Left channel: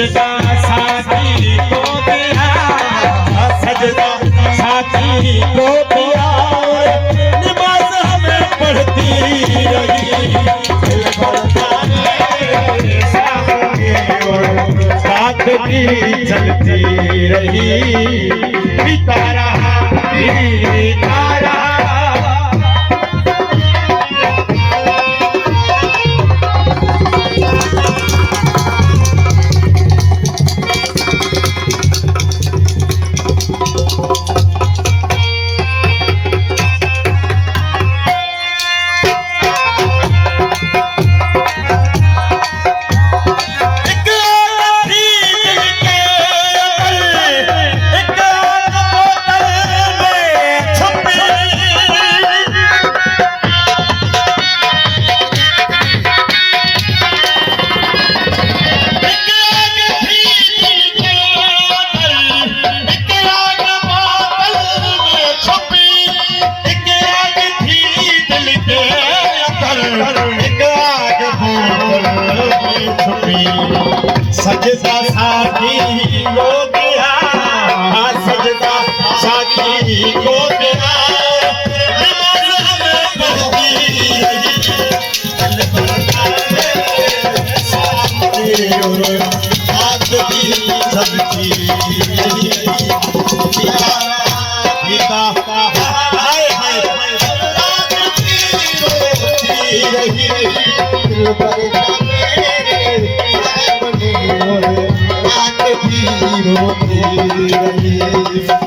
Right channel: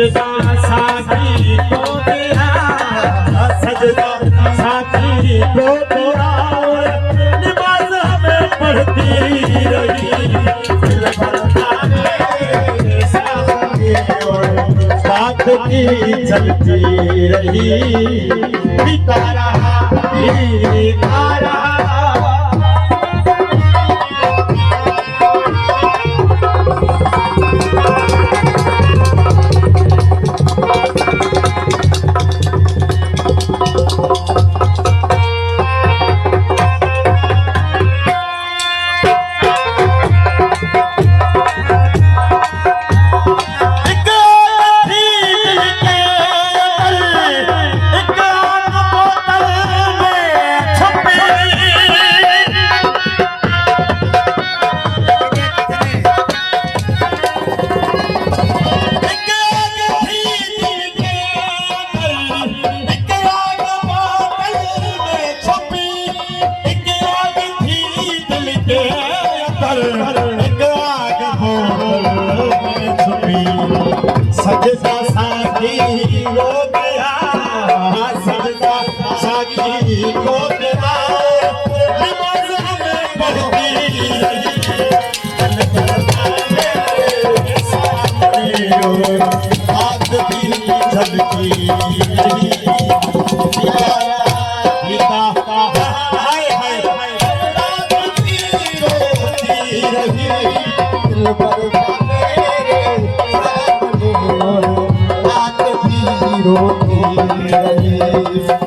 सजदा साथी को दिया, सजदा साथी को दिया, नमाज हमें पढ़ती रही, बात की चलती रही, पिता रहा पिता रहा। सजदा साथी को दिया, सजदा साथी को दिया, नमाज हमें पढ़ती रही, बात की चलती रही, पिता हाय हाय रोती रही।